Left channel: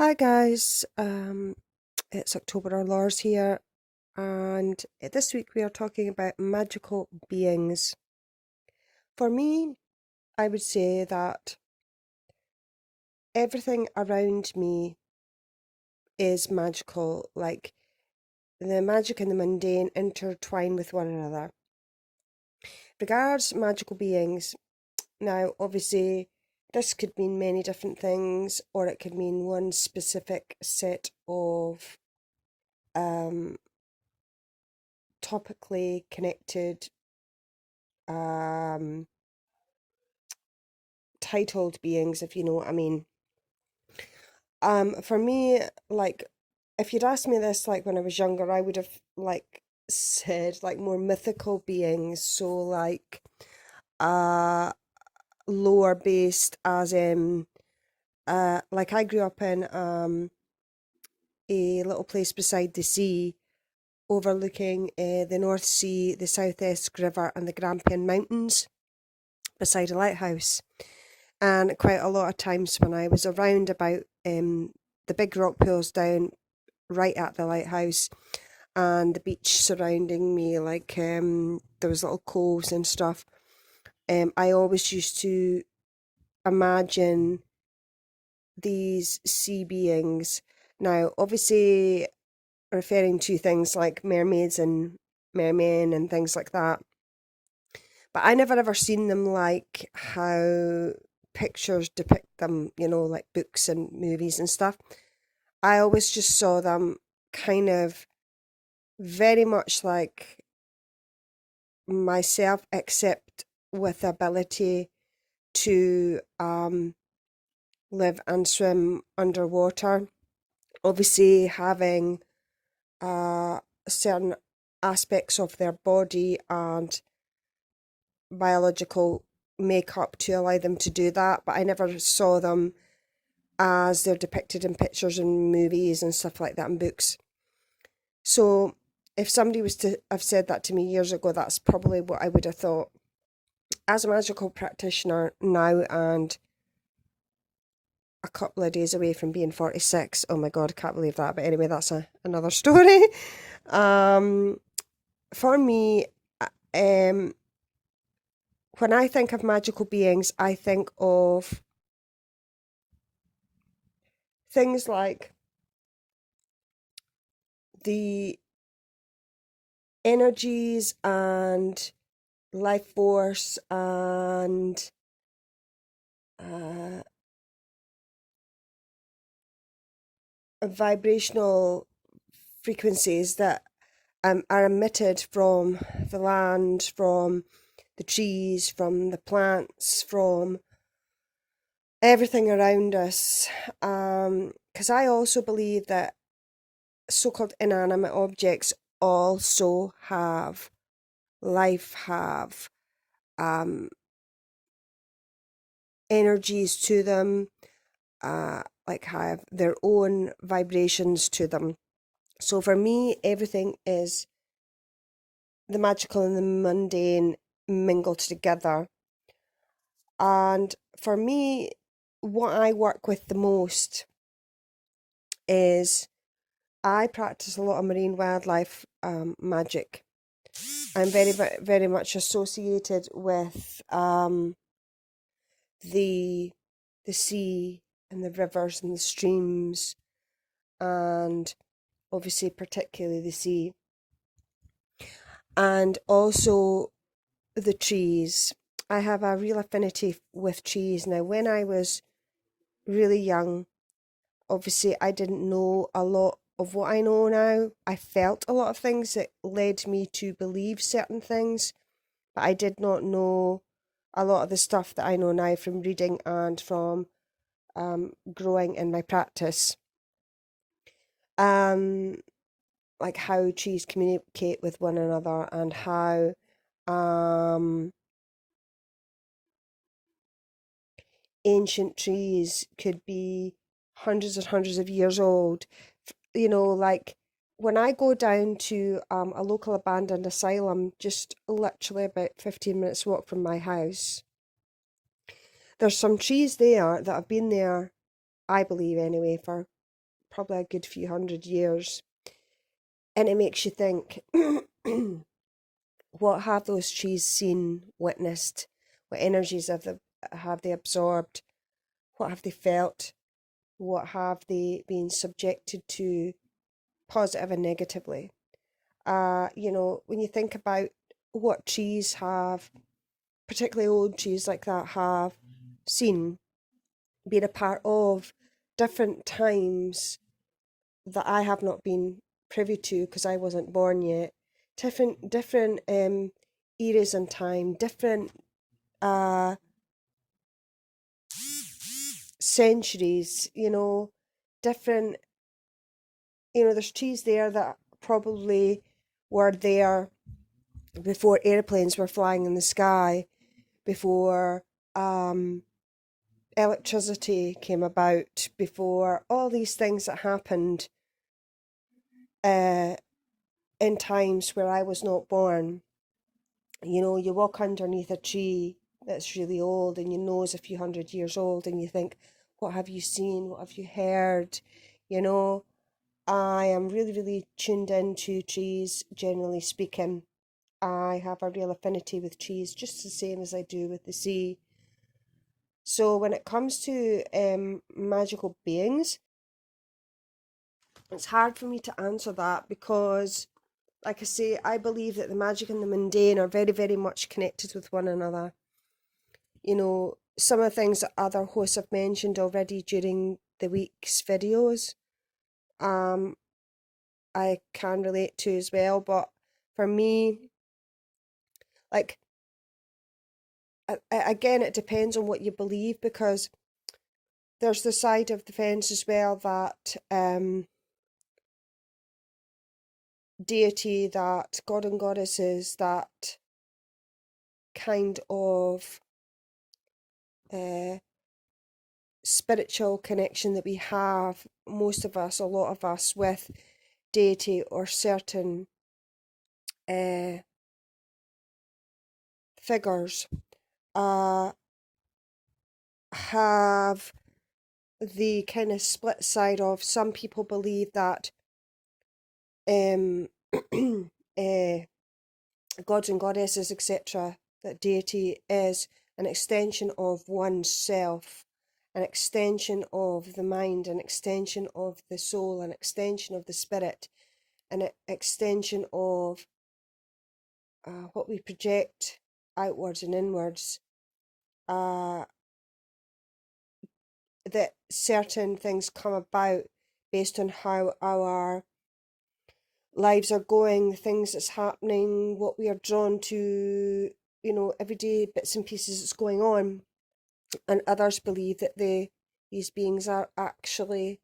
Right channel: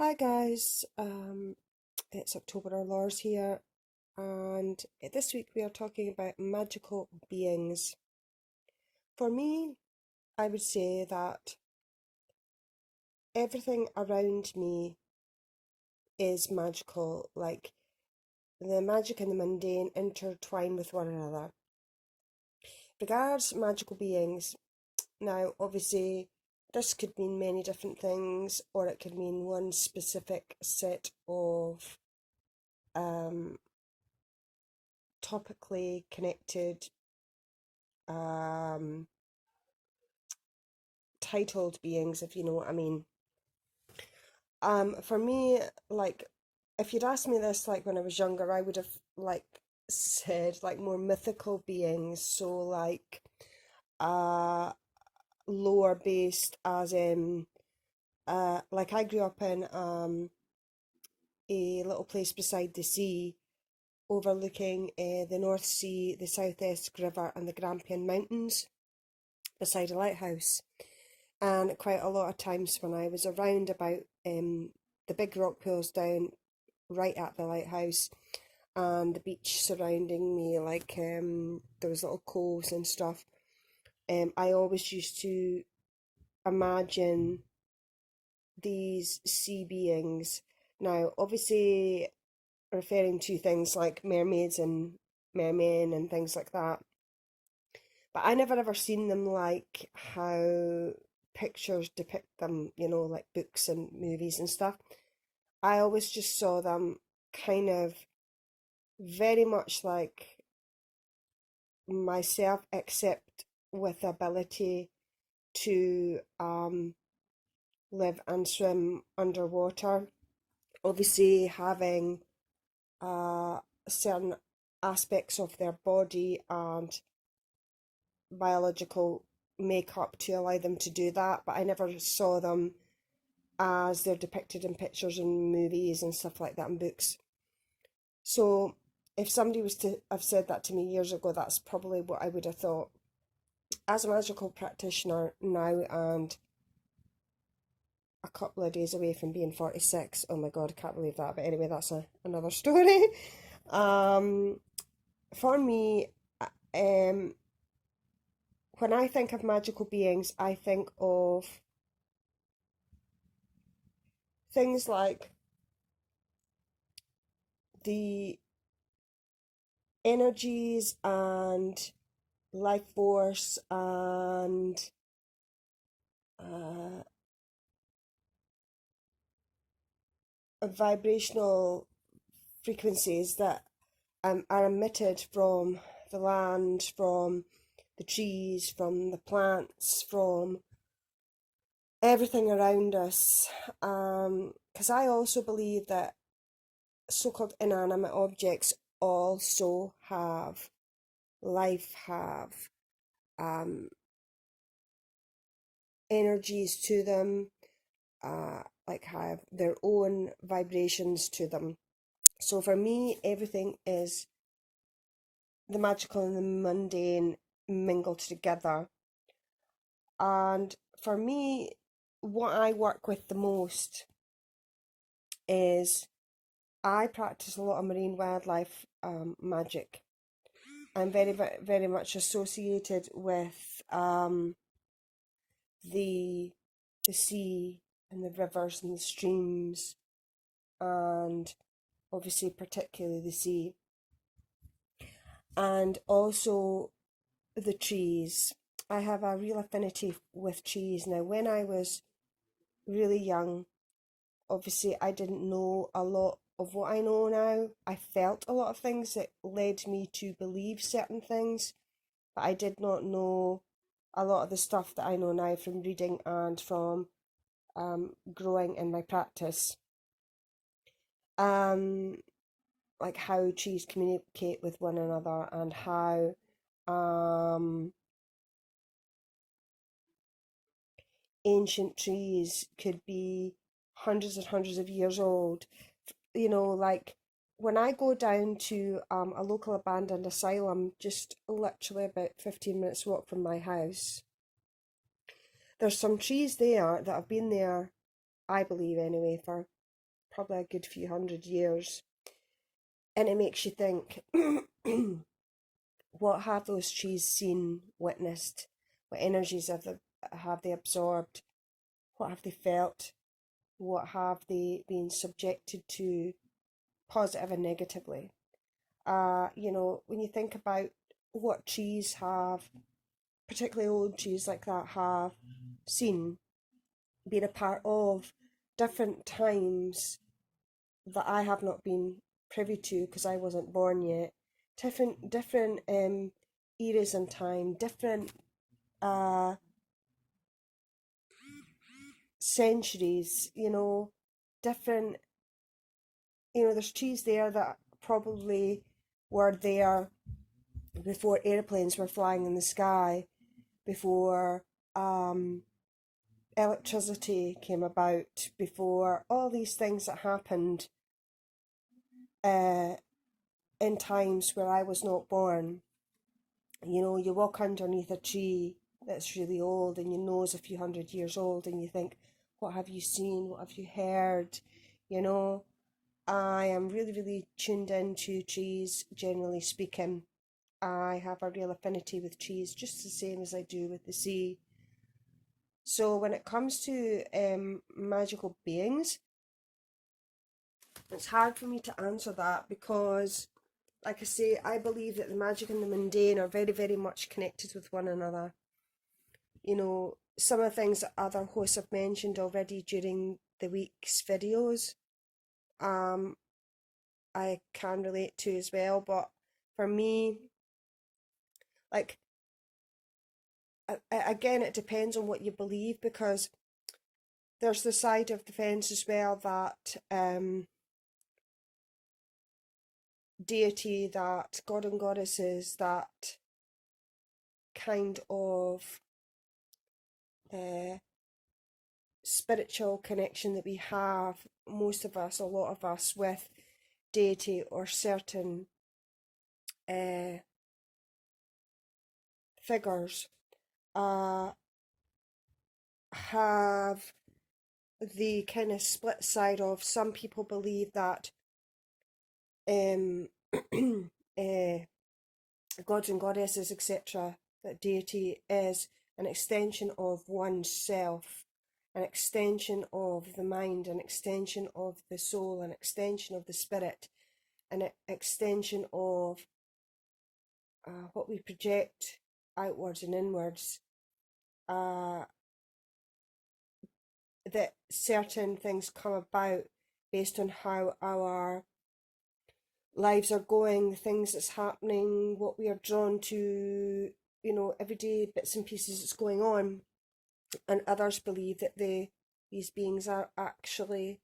Hi guys, it's October.rain.rocks here, and this week we are talking about magical beings. For me, I would say that everything around me is magical, like the magic and the mundane intertwine with one another. Regards magical beings, now obviously this could mean many different things, or it could mean one specific set of um topically connected um titled beings, if you know what I mean. For me, like, if you'd asked me this like when I was younger, I would have like said like more mythical beings, so like uh lower based, as in like I grew up in a little place beside the sea, overlooking the North Sea, the South Esk River, and the Grampian Mountains, beside a lighthouse. And quite a lot of times when I was around about the big rock pools down right at the lighthouse and the beach surrounding me, like there was little coves and stuff, I always used to imagine these sea beings. Now, obviously, referring to things like mermaids and mermen and things like that. But I never ever seen them like how pictures depict them, like books and movies and stuff. I always just saw them kind of very much like myself, except with the ability to live and swim underwater. Obviously, having certain aspects of their body and biological makeup to allow them to do that, but I never saw them as they're depicted in pictures and movies and stuff like that in books. So if somebody was to have said that to me years ago, that's probably what I would have thought. As a magical practitioner now and a couple of days away from being 46, oh my god, I can't believe that. But anyway, that's another story. um, for me, um, when I think of magical beings, I think of things like the energies and life force and uh, vibrational frequencies that are emitted from the land, from the trees, from the plants, from everything around us. Because I also believe that so-called inanimate objects also have life, have um, energies to them, like have their own vibrations to them. So for me, everything is the magical and the mundane mingled together. And for me, what I work with the most is I practice a lot of marine wildlife magic. I'm very much associated with the the sea and the rivers and the streams, and obviously particularly the sea, and also the trees. I have a real affinity with trees. Now, when I was really young, obviously I didn't know a lot of what I know now. I felt a lot of things that led me to believe certain things, but I did not know a lot of the stuff that I know now from reading and from growing in my practice. Um, like how trees communicate with one another and how um ancient trees could be hundreds and hundreds of years old. Like when I go down to a local abandoned asylum, just literally about 15 minutes walk from my house, there's some trees there that have been there, I believe anyway, for probably a good few 100 years. And it makes you think, what have those trees seen, witnessed? What energies have they absorbed? What have they felt? What have they been subjected to, positive and negatively? When you think about what trees have, particularly old trees like that, have seen, been a part of different times that I have not been privy to because I wasn't born yet. Different eras in time, different uh centuries, different, there's trees there that probably were there before airplanes were flying in the sky, before electricity came about, before all these things that happened in times where I was not born. You walk underneath a tree that's really old and you know it's a few 100 years old, and you think, what have you seen? What have you heard? I am really, really tuned into trees, generally speaking. I have a real affinity with trees, just the same as I do with the sea. So when it comes to magical beings, it's hard for me to answer that because, like I say, I believe that the magic and the mundane are very, very much connected with one another. Some of the things that other hosts have mentioned already during the week's videos, I can relate to as well. But for me, like, again, it depends on what you believe, because there's the side of the fence as well that deity, that god and goddesses, that kind of spiritual connection that we have, most of us, a lot of us, with deity or certain figures, have the kind of split side of, some people believe that gods and goddesses, etc., that deity is an extension of oneself, an extension of the mind, an extension of the soul, an extension of the spirit, an extension of what we project outwards and inwards. That certain things come about based on how our lives are going, the things that's happening, what we are drawn to, everyday bits and pieces that's going on. And others believe that these beings are actually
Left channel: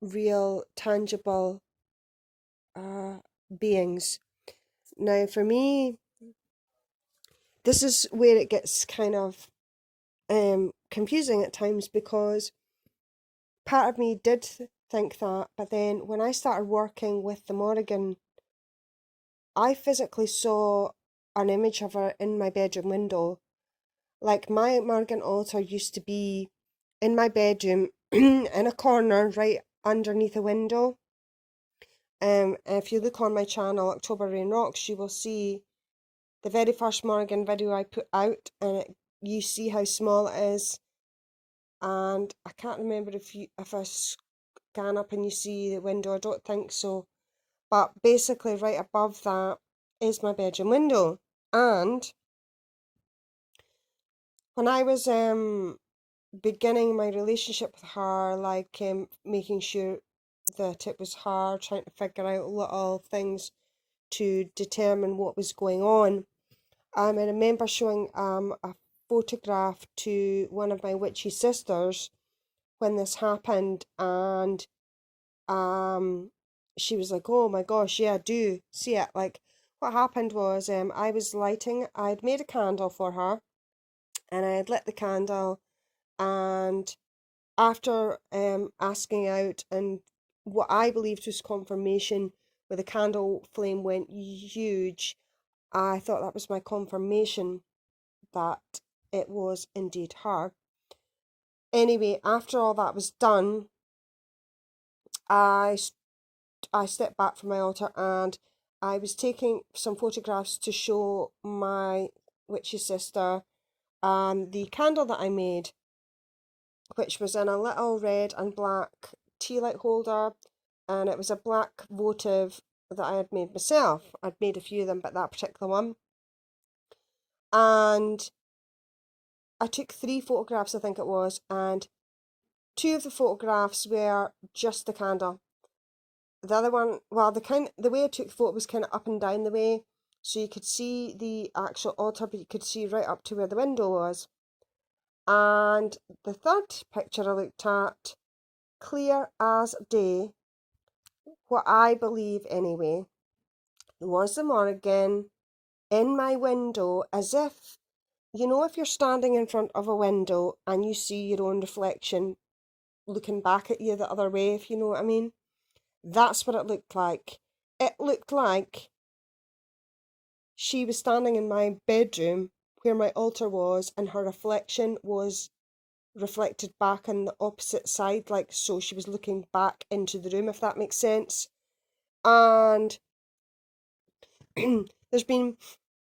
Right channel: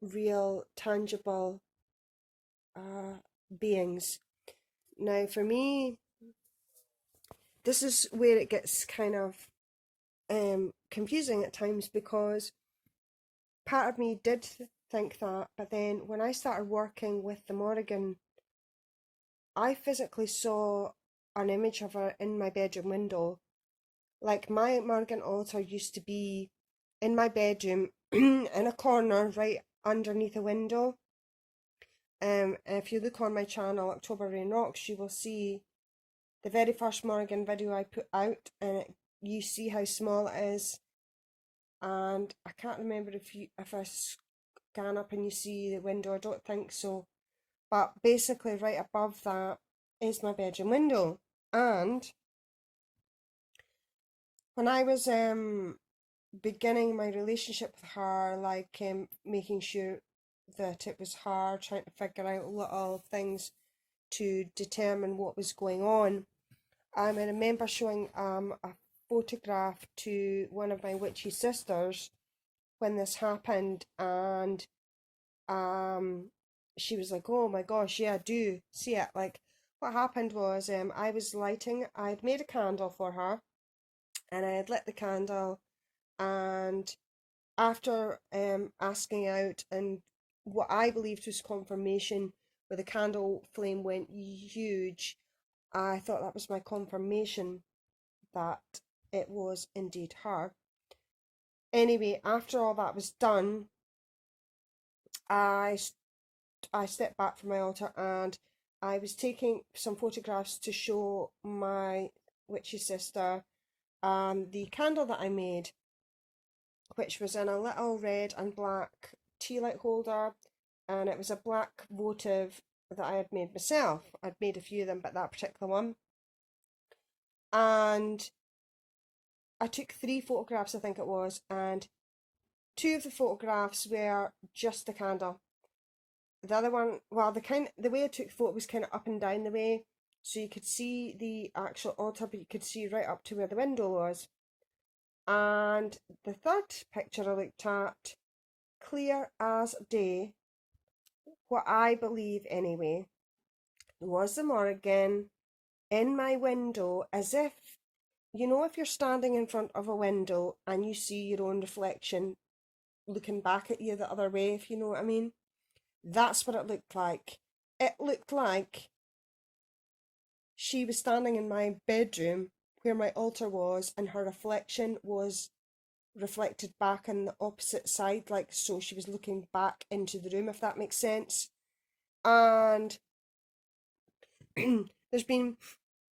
real, tangible beings. Now, for me, this is where it gets kind of confusing at times, because part of me did think that, but then when I started working with the Morrigan, I physically saw an image of her in my bedroom window. Like, my Morrigan altar used to be in my bedroom in a corner right underneath a window. If you look on my channel, October.rain.rocks, you will see the very first Morrigan video I put out, and you see how small it is. And I can't remember if I scan up and you see the window. I don't think so. But basically, right above that is my bedroom window. And when I was beginning my relationship with her, like making sure that it was her, trying to figure out little things to determine what was going on, I remember showing a photograph to one of my witchy sisters when this happened, and she was like, oh my gosh, yeah, I do see it. Like, what happened was I'd made a candle for her, and I had lit the candle, and after asking out and what I believed was confirmation, where the candle flame went huge, I thought that was my confirmation that it was indeed her. Anyway, after all that was done, I stepped back from my altar and I was taking some photographs to show my witchy sister the candle that I made, which was in a little red and black tea light holder, and it was a black votive that I had made myself. I'd made a few of them, but that particular one. And I took 3 photographs, I think it was, and 2 of the photographs were just the candle. The other one, well, the way I took the photo was kind of up and down the way, so you could see the actual altar, but you could see right up to where the window was. And the third picture I looked at, clear as day, what I believe anyway, was the Morrigan in my window, as if, you know, if you're standing in front of a window and you see your own reflection looking back at you the other way, if you know what I mean. That's what it looked like. It looked like she was standing in my bedroom where my altar was, and her reflection was reflected back on the opposite side, like so she was looking back into the room, if that makes sense. And there's been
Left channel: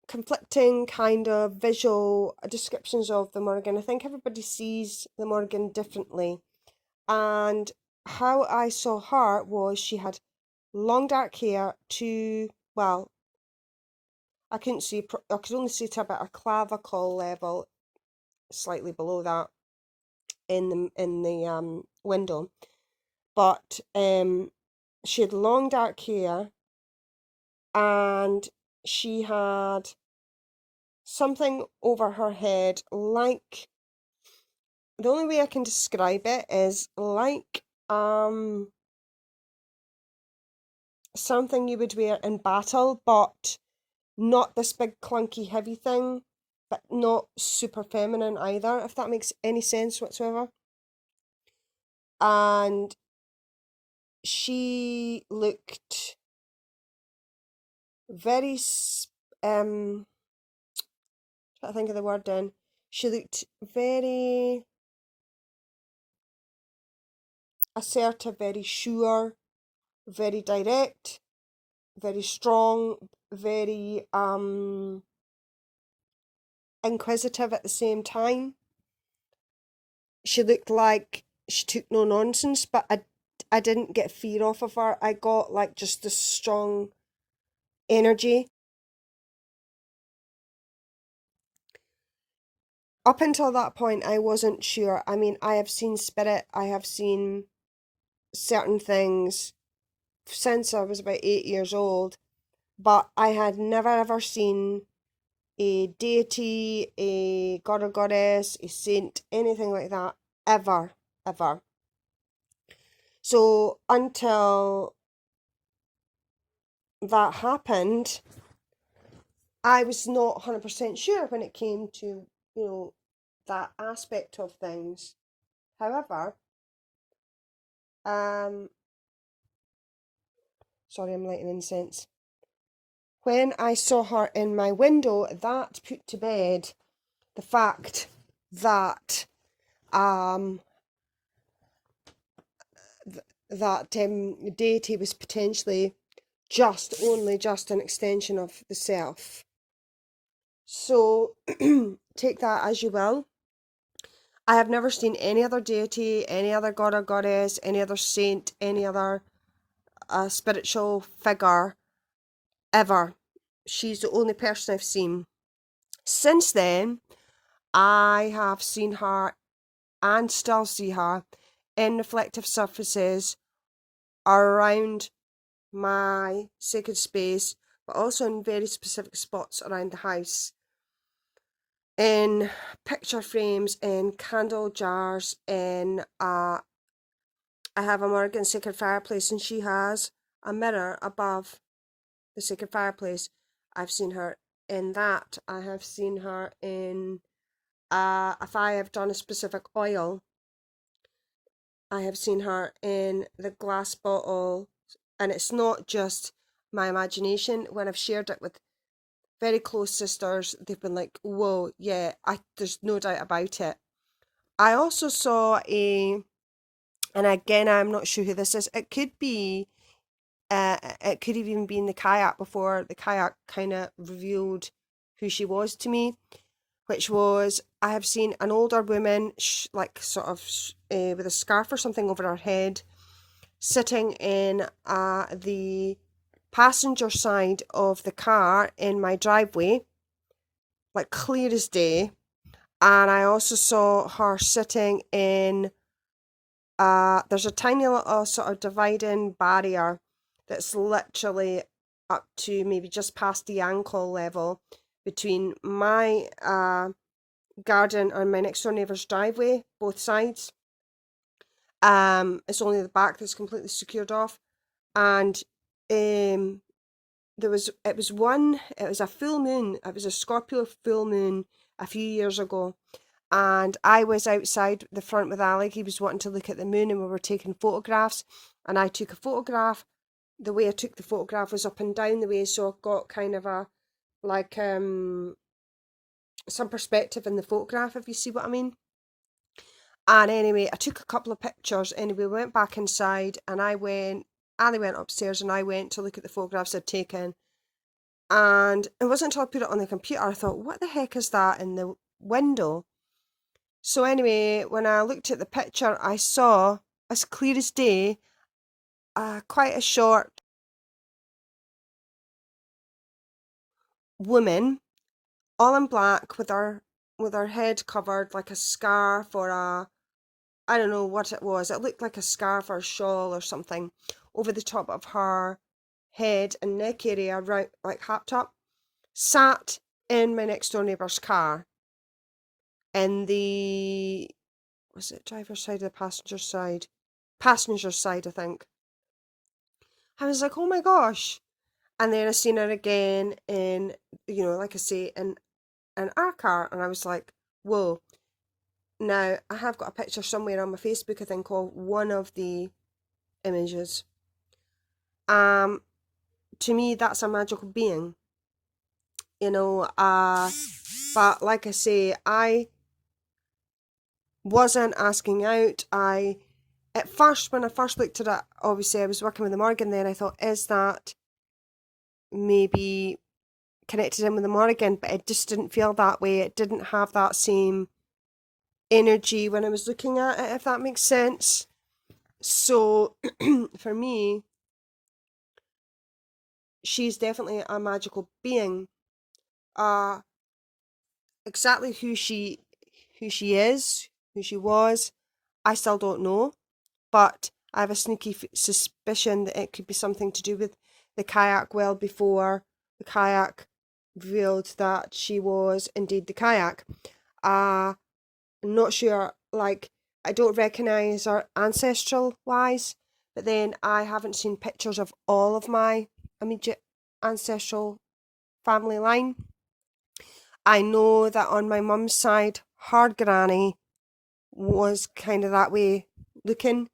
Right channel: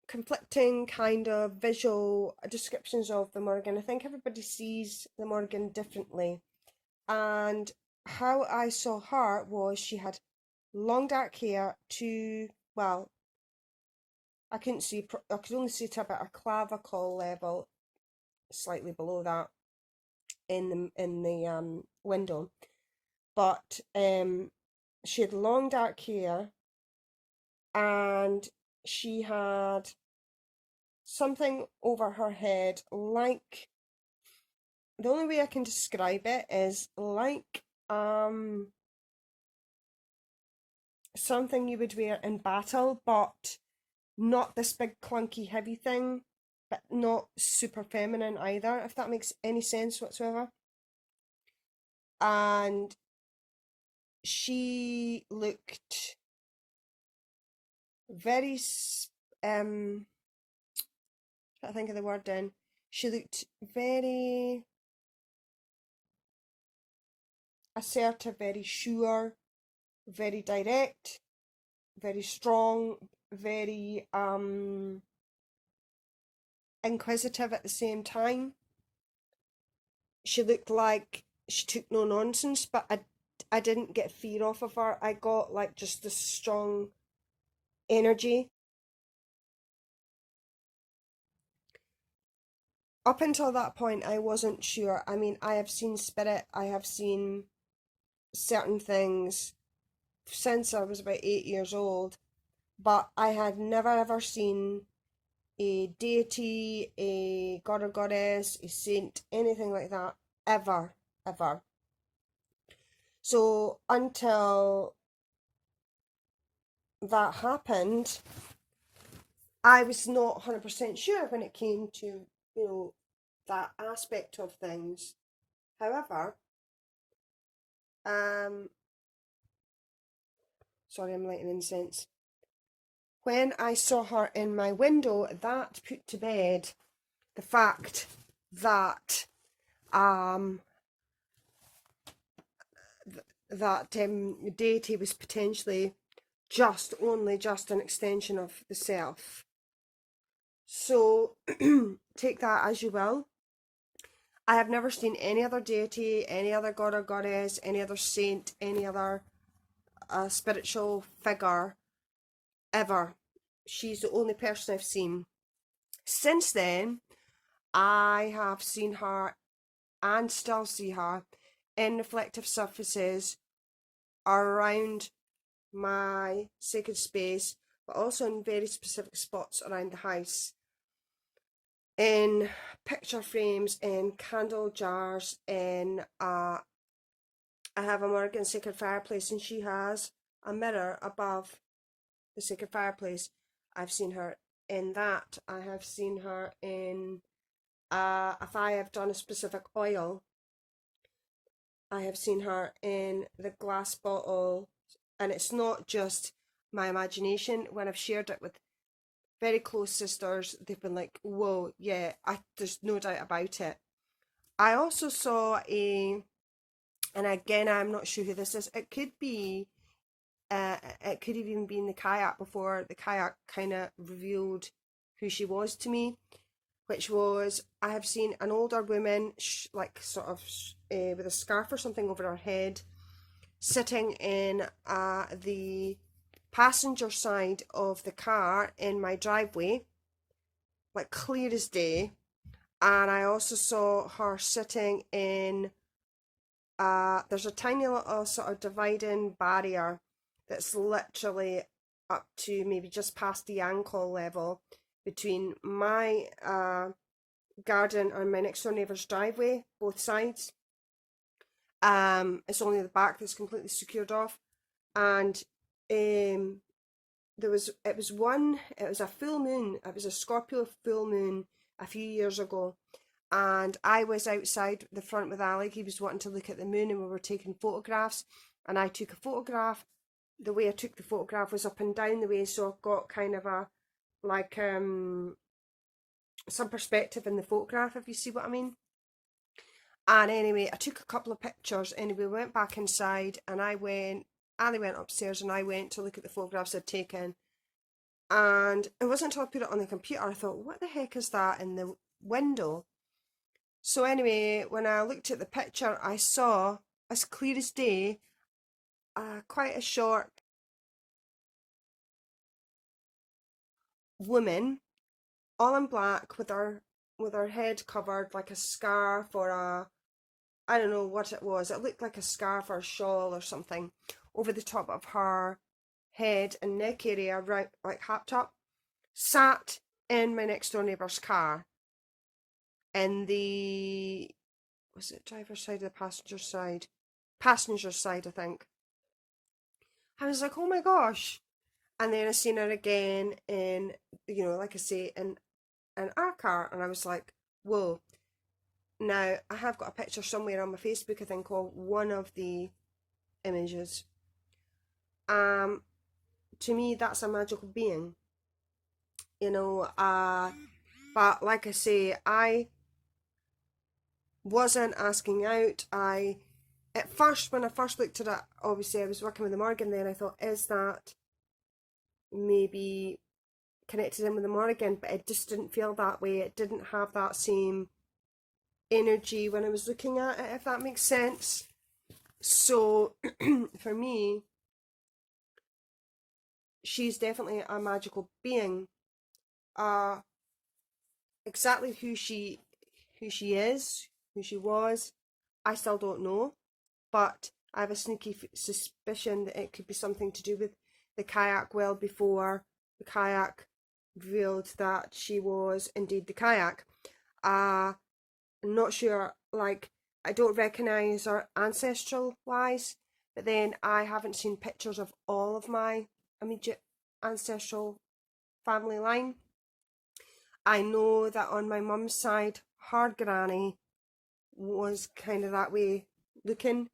conflicting kind of visual descriptions of the Morrigan. I think everybody sees the Morrigan differently. And how I saw her was she had long dark hair to, well, I couldn't see, I could only see to about a clavicle level, slightly below that in the window. But she had long dark hair, and she had something over her head, like, the only way I can describe it is like something you would wear in battle, but not this big clunky heavy thing, but not super feminine either, if that makes any sense whatsoever. And she looked very trying to think of the word then. She looked very assertive, very sure, very direct, very strong, very inquisitive at the same time. She looked like she took no nonsense, but I didn't get fear off of her. I got like just this strong energy. Up until that point, I wasn't sure. I mean, I have seen spirit, I have seen certain things since I was about 8 years old, but I had never ever seen a deity, a god or goddess, a saint, anything like that, ever, ever. So until that happened, I was not 100% sure when it came to, you know, that aspect of things. However, sorry, I'm lighting incense. When I saw her in my window, that put to bed the fact that deity was potentially only just an extension of the self. So take that as you will. I have never seen any other deity, any other god or goddess, any other saint, any other spiritual figure ever. She's the only person I've seen. Since then, I have seen her and still see her in reflective surfaces around my sacred space, but also in very specific spots around the house. In picture frames, in candle jars, in I have a Morrigan sacred fireplace, and she has a mirror above the sacred fireplace. I've seen her in that. I have seen her in if I have done a specific oil, I have seen her in the glass bottle, and it's not just my imagination. When I've shared it with very close sisters, they've been like, whoa, yeah, there's no doubt about it. I also saw and again, I'm not sure who this is. It could be, it could have even been the kayak before the kayak kind of revealed who she was to me, which was I have seen an older woman, like sort of with a scarf or something over her head, sitting in the passenger side of the car in my driveway, like clear as day. And I also saw her sitting in there's a tiny little sort of dividing barrier that's literally up to maybe just past the ankle level between my garden and my next door neighbour's driveway, both sides. It's only the back that's completely secured off. And it was a full moon, it was a Scorpio full moon a few years ago, and I was outside the front with Alec. He was wanting to look at the moon, and we were taking photographs. And I took a photograph. The way I took the photograph was up and down the way, so I got kind of a like some perspective in the photograph, if you see what I mean. And anyway, I took a couple of pictures. Anyway, we went back inside, and Ali went upstairs, and I went to look at the photographs I'd taken. And it wasn't until I put it on the computer I thought, what the heck is that in the window? So anyway, when I looked at the picture, I saw, as clear as day, quite a short woman, all in black, with her head covered like a scarf or a, I don't know what it was. It looked like a scarf or a shawl or something over the top of her head and neck area, right, like happed up, sat in my next door neighbour's car in the, was it driver's side or the passenger side? Passenger side, I think. I was like, oh my gosh. And then I seen her again in, like I say, in our car, and I was like, whoa. Now, I have got a picture somewhere on my Facebook, I think, of one of the images. To me, that's a magical being, you know. But like I say, I wasn't asking out. At first, when I first looked at it, obviously I was working with the Morgan then, I thought, is that maybe connected in with the Morgan? But it just didn't feel that way. It didn't have that same energy when I was looking at it, if that makes sense. So for me, she's definitely a magical being. Uh exactly who she is, who she was, I still don't know, but I have a sneaky suspicion that it could be something to do with the kayak well before the kayak revealed that she was indeed the kayak. I'm not sure, like, I don't recognise her ancestral wise, but then I haven't seen pictures of all of my immediate ancestral family line. I know that on my mum's side, her granny was kind of that way looking,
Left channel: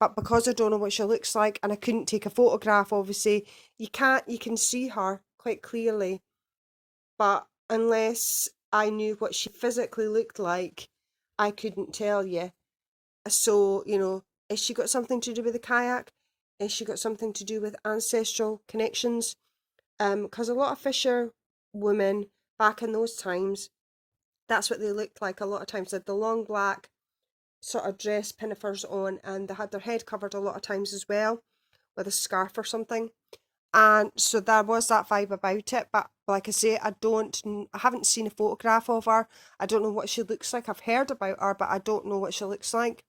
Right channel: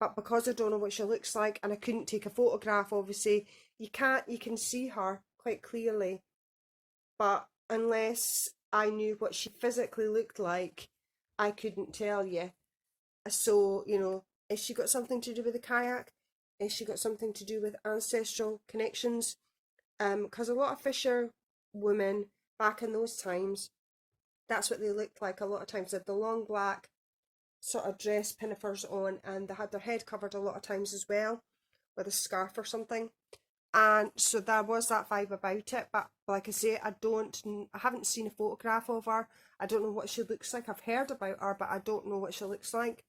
but because I don't know what she looks like and I couldn't take a photograph, obviously, you can see her quite clearly, but unless I knew what she physically looked like, I couldn't tell you. So, is she got something to do with the kayak? Is she got something to do with ancestral connections? Because a lot of fisher women back in those times, that's what they looked like a lot of times. They had the long black sort of dress pinafores on, and they had their head covered a lot of times as well with a scarf or something. And so there was that vibe about it. But like I say, I haven't seen a photograph of her. I don't know what she looks like. I've heard about her, but I don't know what she looks like.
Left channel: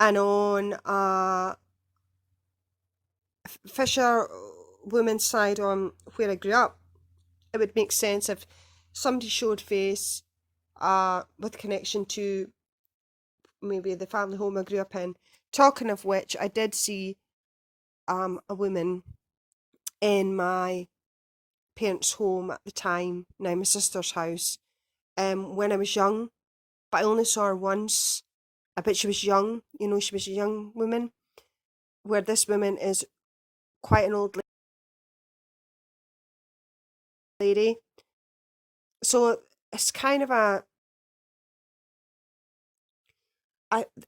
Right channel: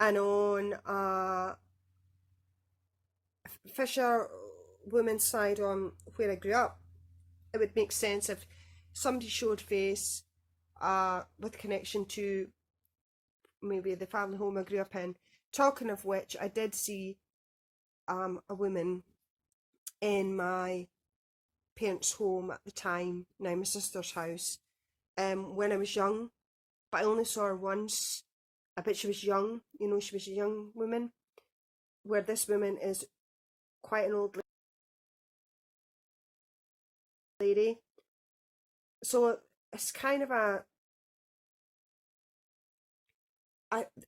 And on Fisher woman's side, on where I grew up, it would make sense if somebody showed face with connection to maybe the family home I grew up in. Talking of which, I did see a woman in my parents' home at the time, now my sister's house, when I was young, but I only saw her once. I bet she was young, she was a young woman, where this woman is quite an old lady. So it's kind of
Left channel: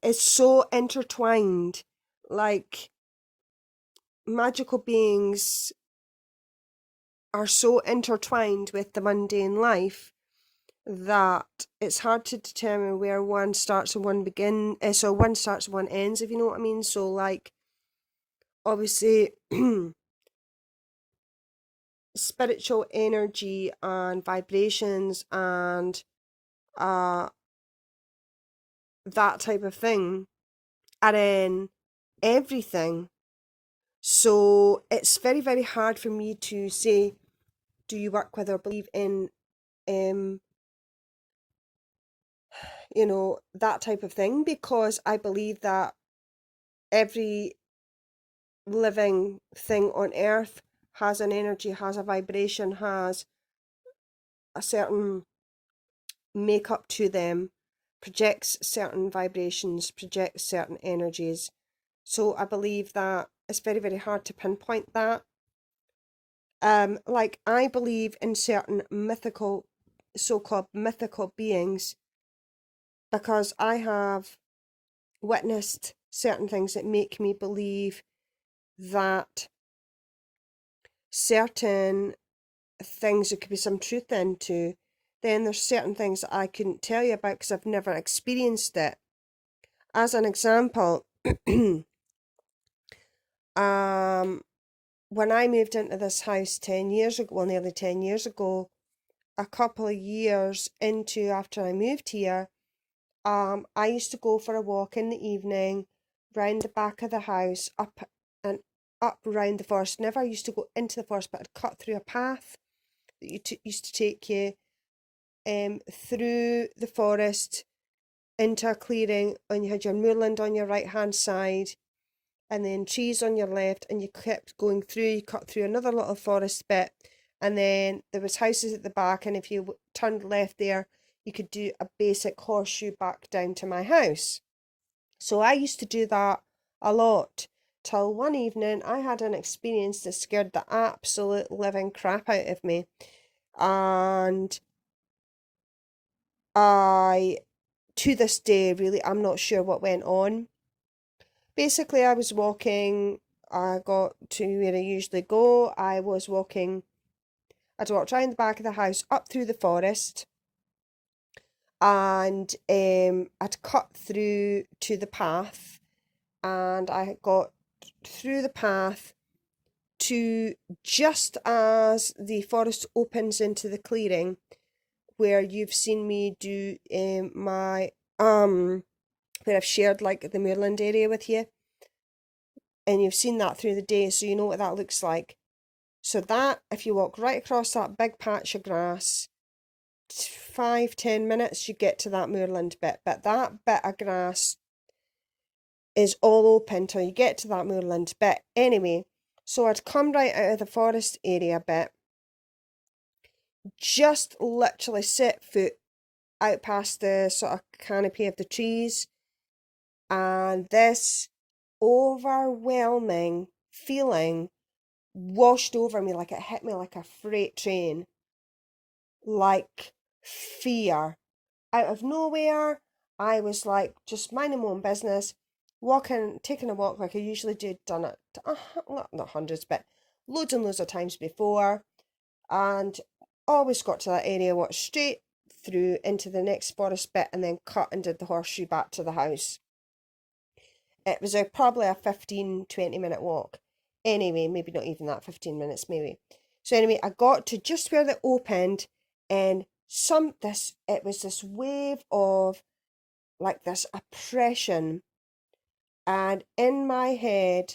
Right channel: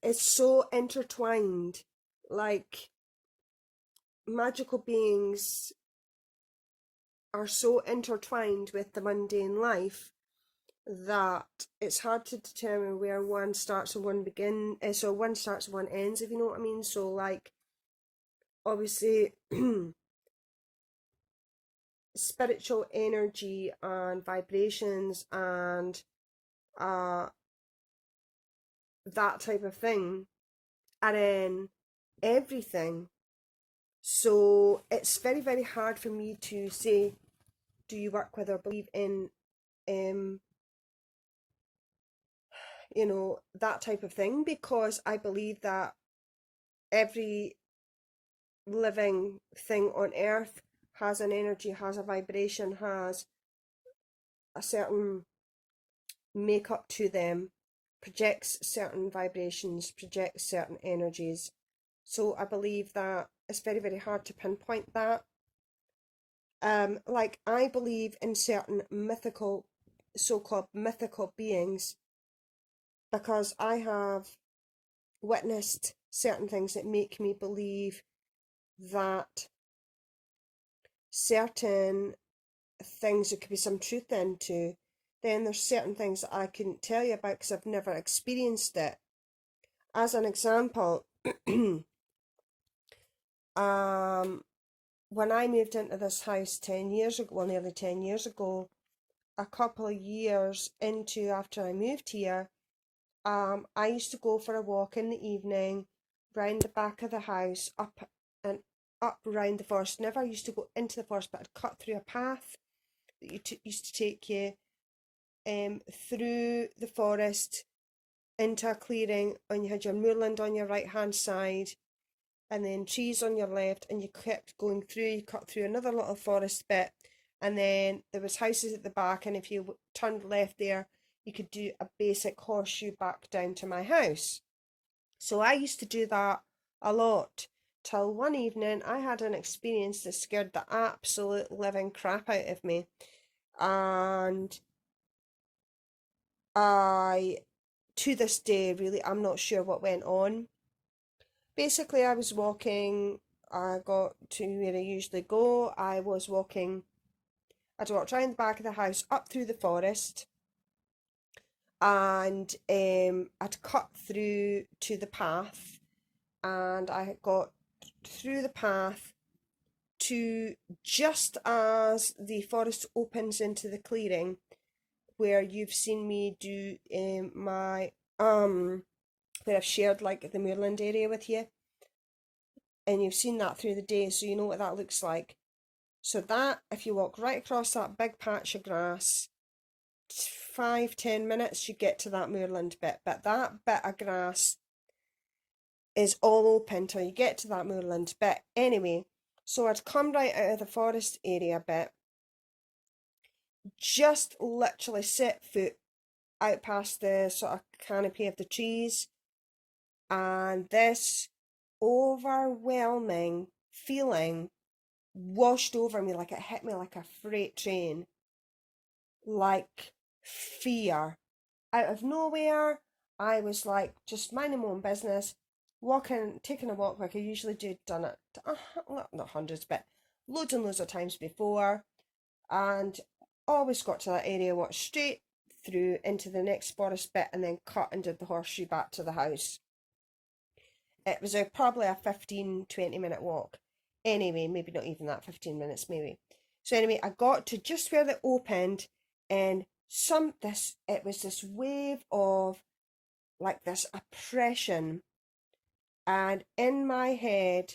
it's so intertwined. Like, magical beings are so intertwined with the mundane life that it's hard to determine where one starts and one so one starts and one ends, if you know what I mean. So, like, obviously, spiritual energy and vibrations and uh that type of thing are in everything. So it's very, very hard for me to say, do you work with or believe in um that type of thing, because I believe that every living thing on earth has an energy, has a vibration, has a certain makeup to them, projects certain vibrations, projects certain energies. So I believe that it's very, very hard to pinpoint that. Like, I believe in certain mythical, so-called mythical beings, because I have witnessed certain things that make me believe that certain things there could be some truth into. Then there's certain things that I couldn't tell you about because I've never experienced it. As an example, when I moved into this house 10 years ago, well, nearly 10 years ago, a couple of years into after I moved here, I used to go for a walk in the evening, round the back of the house, up and up round the forest. Never used to go into the forest, but I'd cut through a path that used to take you through the forest into a clearing, and you had your moorland on your right hand side, and then trees on your left, and you kept going through. You cut through another little forest bit, and then there was houses at the back, and if you turned left there, you could do a basic horseshoe back down to my house. So I used to do that a lot, till one evening I had an experience that scared the absolute living crap out of me. And I, to this day, really, I'm not sure what went on. Basically, I was walking, I got to where I usually go. I'd walked around the back of the house, up through the forest, and I'd cut through to the path, and I got through the path to just as the forest opens into the clearing, where you've seen me do my where I've shared like the moorland area with you, and you've seen that through the day, so you know what that looks like. So that, if you walk right across that big patch of grass, 5-10 minutes you get to that moorland bit, but that bit of grass is all open till you get to that moorland bit anyway. So I'd come right out of the forest area bit, just literally set foot out past the sort of canopy of the trees, and this overwhelming feeling washed over me, like it hit me like a freight train, like fear. Out of nowhere, I was like just minding my own business, walking, taking a walk like I usually do, done it, not hundreds, but loads and loads of times before, and always got to that area, walked straight through into the next forest bit, and then cut and did the horseshoe back to the house. It was probably a 15-20 minute walk. Anyway, maybe not even that, 15 minutes maybe. So anyway, I got to just where they opened, and it was this wave of like this oppression, and in my head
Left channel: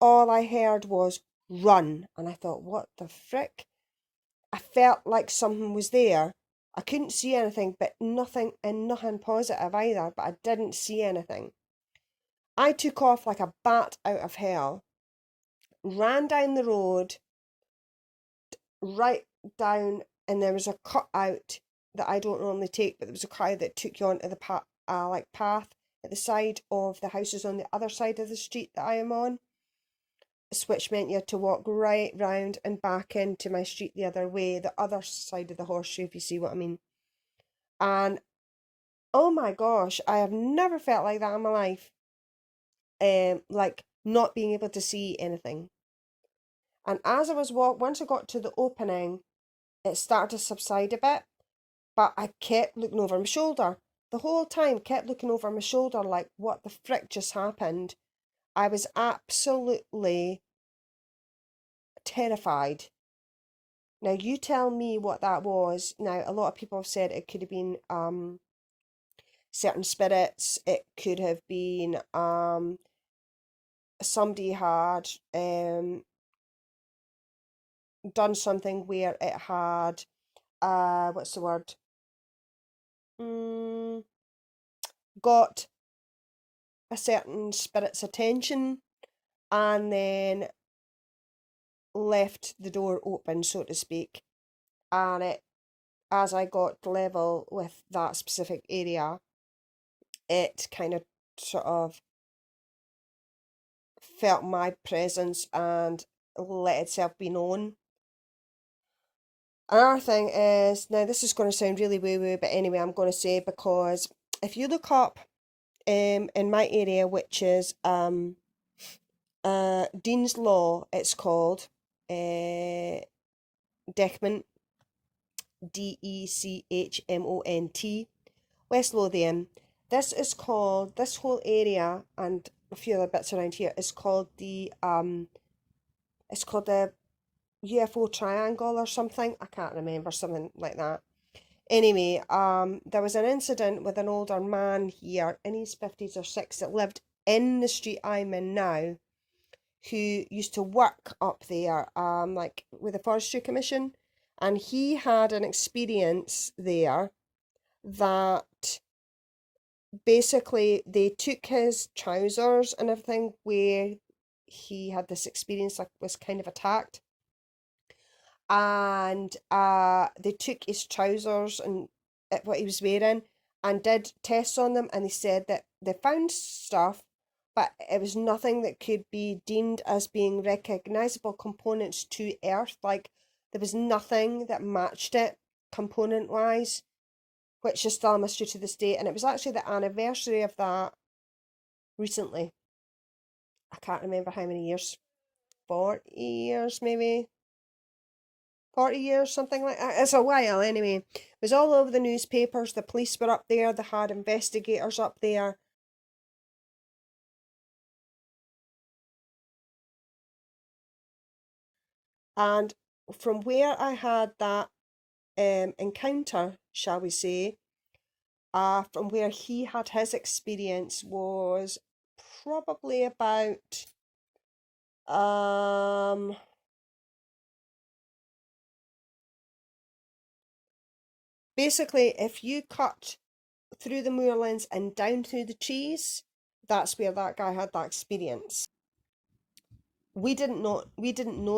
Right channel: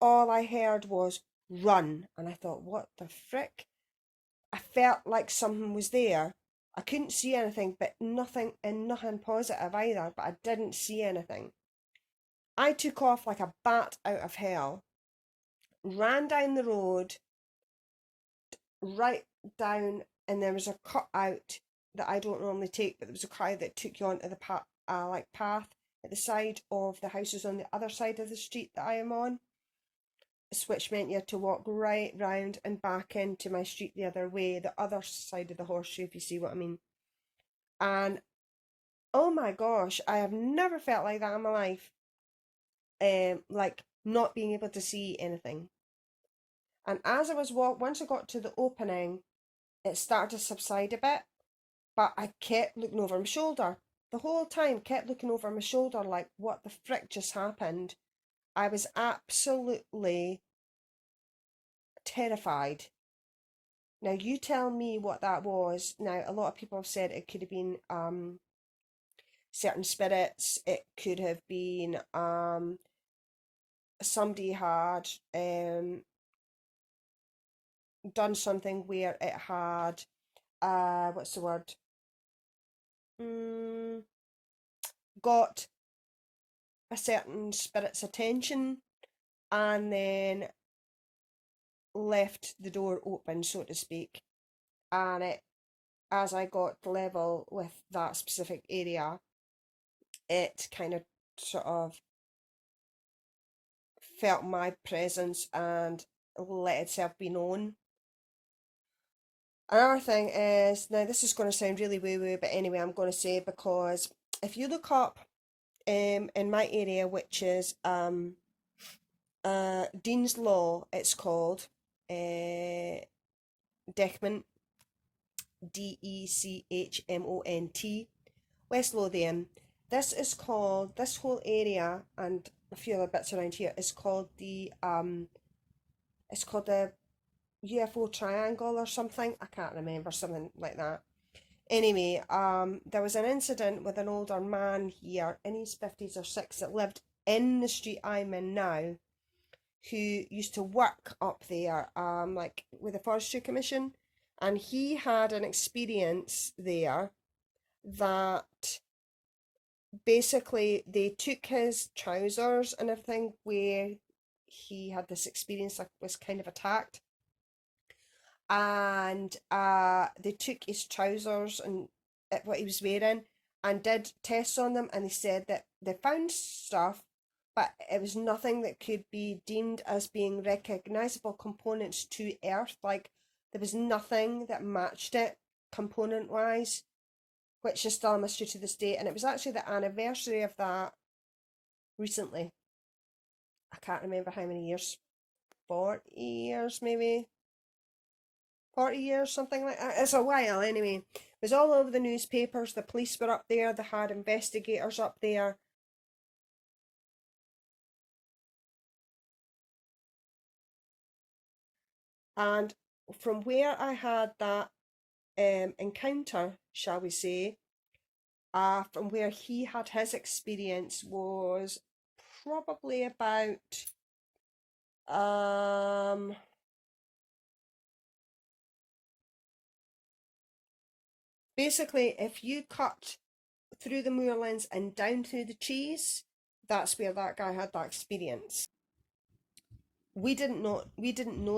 all I heard was run, and I thought, what the frick? I felt like something was there. I couldn't see anything, but nothing, and nothing positive either, but I didn't see anything. I took off like a bat out of hell, ran down the road, right down, and there was a cut out that I don't normally take, but there was a cut that took you onto the path at the side of the houses on the other side of the street that I am on, which meant you had to walk right round and back into my street the other way, the other side of the horseshoe, if you see what I mean. And Oh my gosh, I have never felt like that in my life. Like not being able to see anything. And as I was once I got to the opening, it started to subside a bit, but I kept looking over my shoulder. The whole time, kept looking over my shoulder like, what the frick just happened? I was absolutely terrified. Now, you tell me what that was. Now, a lot of people have said it could have been certain spirits. It could have been somebody had done something where it had what's the word? Mm, got a certain spirit's attention and then left the door open, so to speak. And it, as I got level with that specific area, it kind of sort of felt my presence and let itself be known. Another thing is, now this is going to sound really woo woo, but anyway, I'm going to say, because if you look up in my area, which is Dean's Law, it's called Dechmont, Dechmont, West Lothian. This whole area and a few other bits around here is called the UFO triangle or something. I can't remember, something like that. Anyway, there was an incident with an older man here in his 50s or 60s that lived in the street I'm in now, who used to work up there, like with the Forestry Commission, and he had an experience there that basically they took his trousers and everything where he had this experience, like was kind of attacked, and they took his trousers and what he was wearing and did tests on them, and they said that they found stuff, but it was nothing that could be deemed as being recognizable components to Earth. Like there was nothing that matched it component wise, which is still a mystery to this day. And it was actually the anniversary of that recently. I can't remember how many years, 40 years maybe, 40 years, something like that. It's a while anyway. It was all over the newspapers. The police were up there, they had investigators up there. And from where I had that encounter, shall we say, from where he had his experience was probably about basically if you cut through the moorlands and down through the trees, that's where that guy had that experience. We didn't know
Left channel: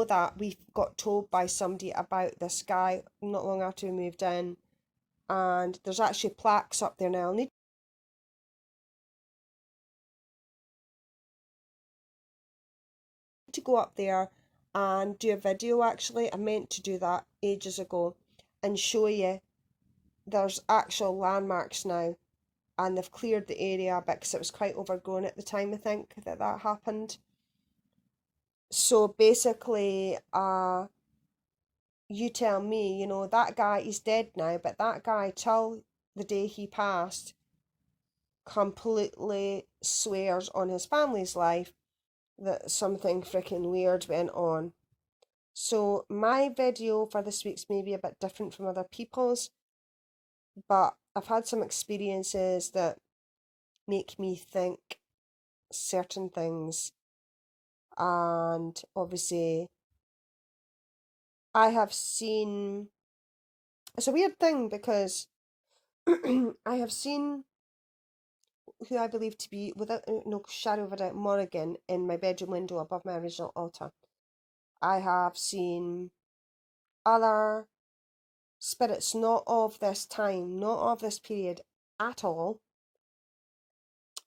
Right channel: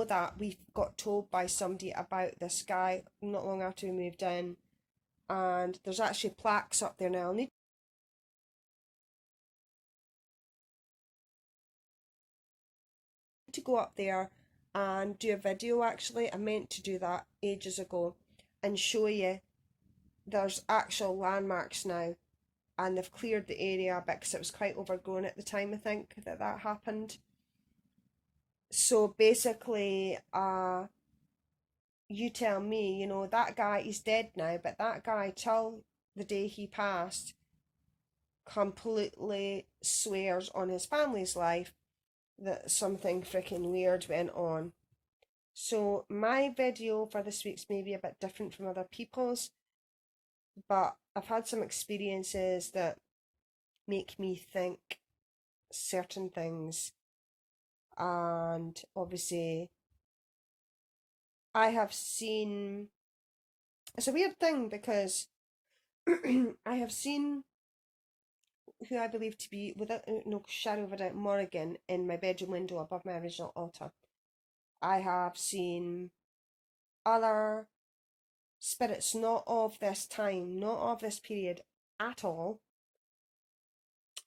that. We got told by somebody about this guy not long after we moved in, and there's actually plaques up there now. I'll need to go up there and do a video. Actually, I meant to do that ages ago and show you there's actual landmarks now, and they've cleared the area a bit because it was quite overgrown at the time, I think, that happened. So basically, you tell me, that guy is dead now, but that guy, till the day he passed, completely swears on his family's life that something freaking weird went on. So my video for this week's maybe a bit different from other people's, but I've had some experiences that make me think certain things. And obviously, I have seen, it's a weird thing because I have seen who I believe to be, without no shadow of a doubt, Morrigan in my bedroom window above my original altar. I have seen other spirits, not of this time, not of this period at all.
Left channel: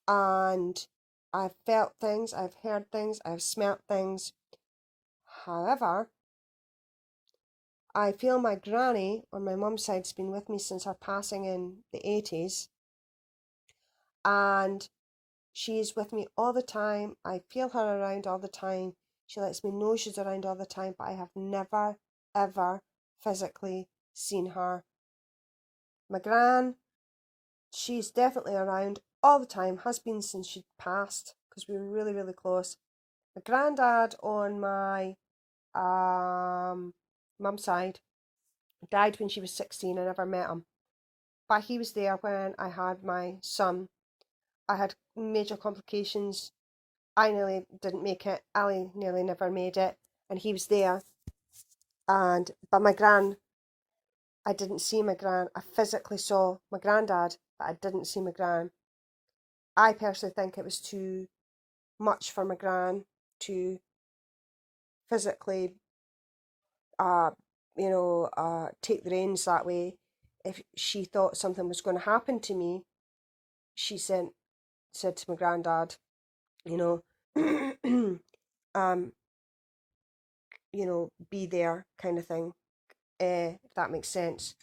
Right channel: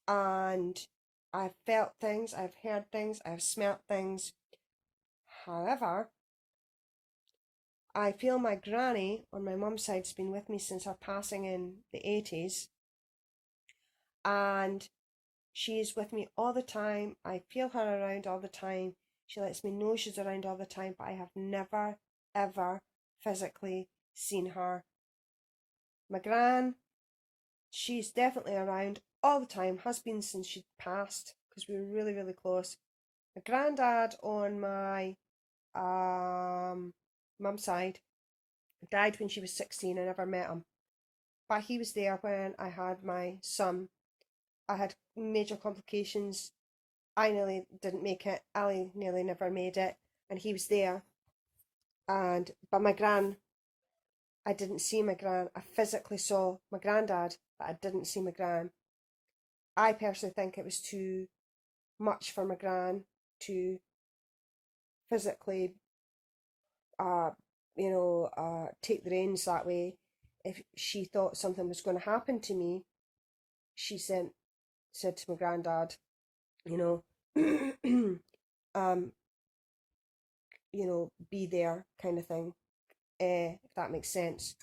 And I've felt things, I've heard things, I've smelt things. However, I feel my granny on my mum's side has been with me since her passing in the 80s. and she is with me all the time. I feel her around all the time. She lets me know she's around all the time, but I have never, ever physically seen her. My gran, she's definitely around all the time, has been since she passed, because we were really, really close. My granddad on my mum's side died when she was 16. I never met him, but he was there when I had my son. I had major complications. I nearly didn't make it. Ali nearly never made it, and he was there. But my gran, I didn't see my gran. I physically saw my granddad, but I didn't see my gran. I personally think it was too much for my gran to physically, uh, take the reins that way. If she thought something was going to happen to me, she said to my granddad, you know, um, be there, kind of thing. If that makes sense.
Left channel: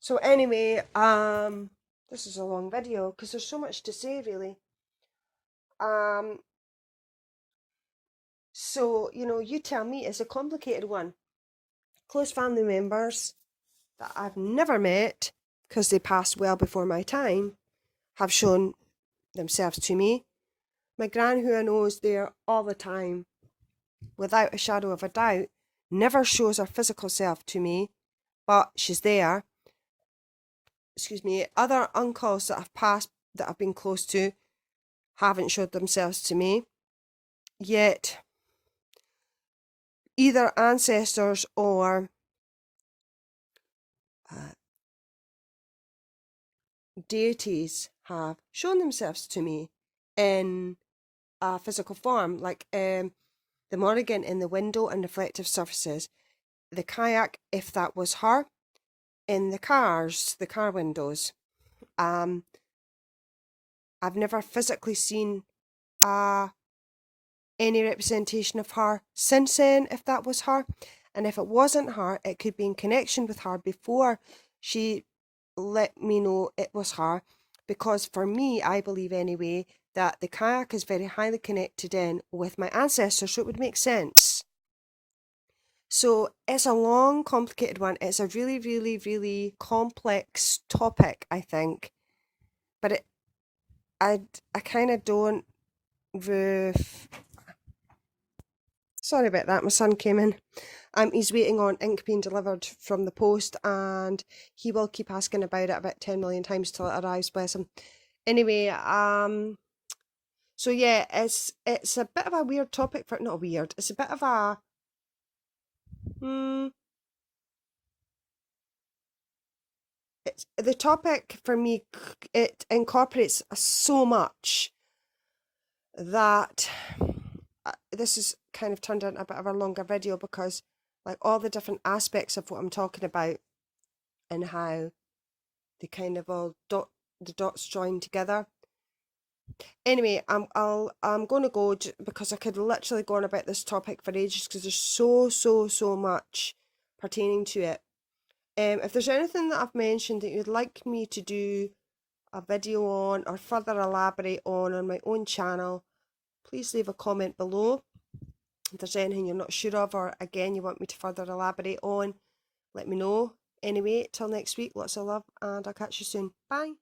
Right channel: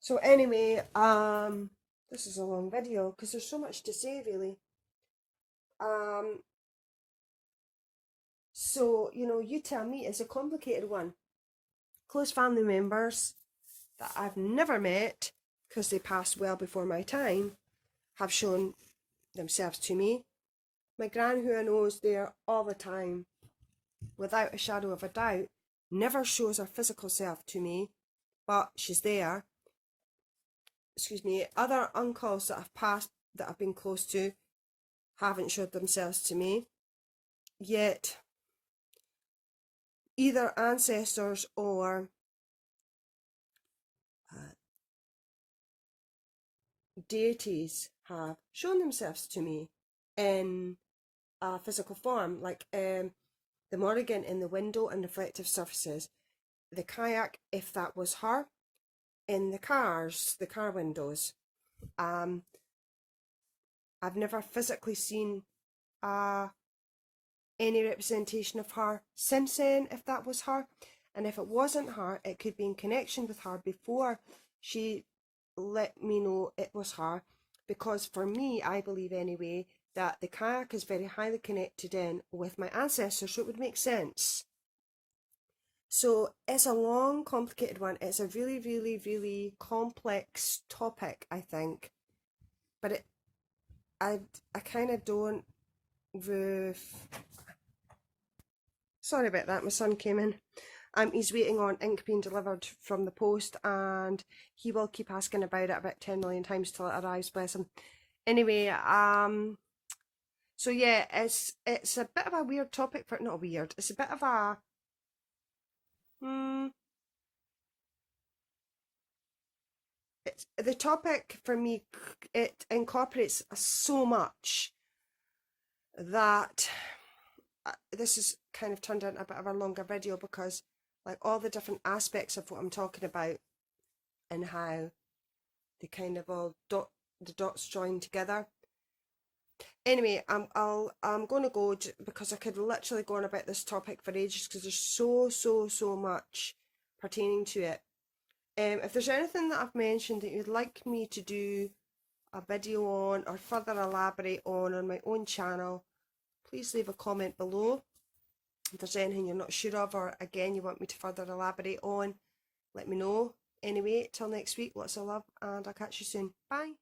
So anyway, this is a long video because there's so much to say, really. So you tell me, it's a complicated one. Close family members that I've never met because they passed well before my time have shown themselves to me. My gran, who I know is there all the time, without a shadow of a doubt, never shows her physical self to me, but she's there. Excuse me. Other uncles that I've passed, that I've been close to, haven't showed themselves to me. Yet, either ancestors or deities have shown themselves to me in a physical form, like the Morrigan in the window and reflective surfaces, the kayak, if that was her, in the car windows. I've never physically seen any representation of her since then, if that was her. And if it wasn't her, it could be in connection with her before she let me know it was her. Because for me, I believe anyway, that the kayak is very highly connected in with my ancestors, so it would make sense. So it's a long, complicated one. It's a really, really, really complex topic, I think. But I kind of don't. Sorry about that. My son came in. He's waiting on ink being delivered from the post, and he will keep asking about it about 10 million times till it arrives. Bless him. Anyway, so yeah, it's a bit of a weird topic for not weird. It's a bit of a it's the topic for me. It incorporates so much that this is kind of turned into a bit of a longer video, because like all the different aspects of what I'm talking about and how they kind of all the dots join together. Anyway, I'm going to go because I could literally go on about this topic for ages, because there's so much pertaining to it. If there's anything that I've mentioned that you'd like me to do a video on or further elaborate on my own channel, please leave a comment below. If there's anything you're not sure of, or again you want me to further elaborate on, let me know. Anyway, till next week, lots of love, and I'll catch you soon. Bye.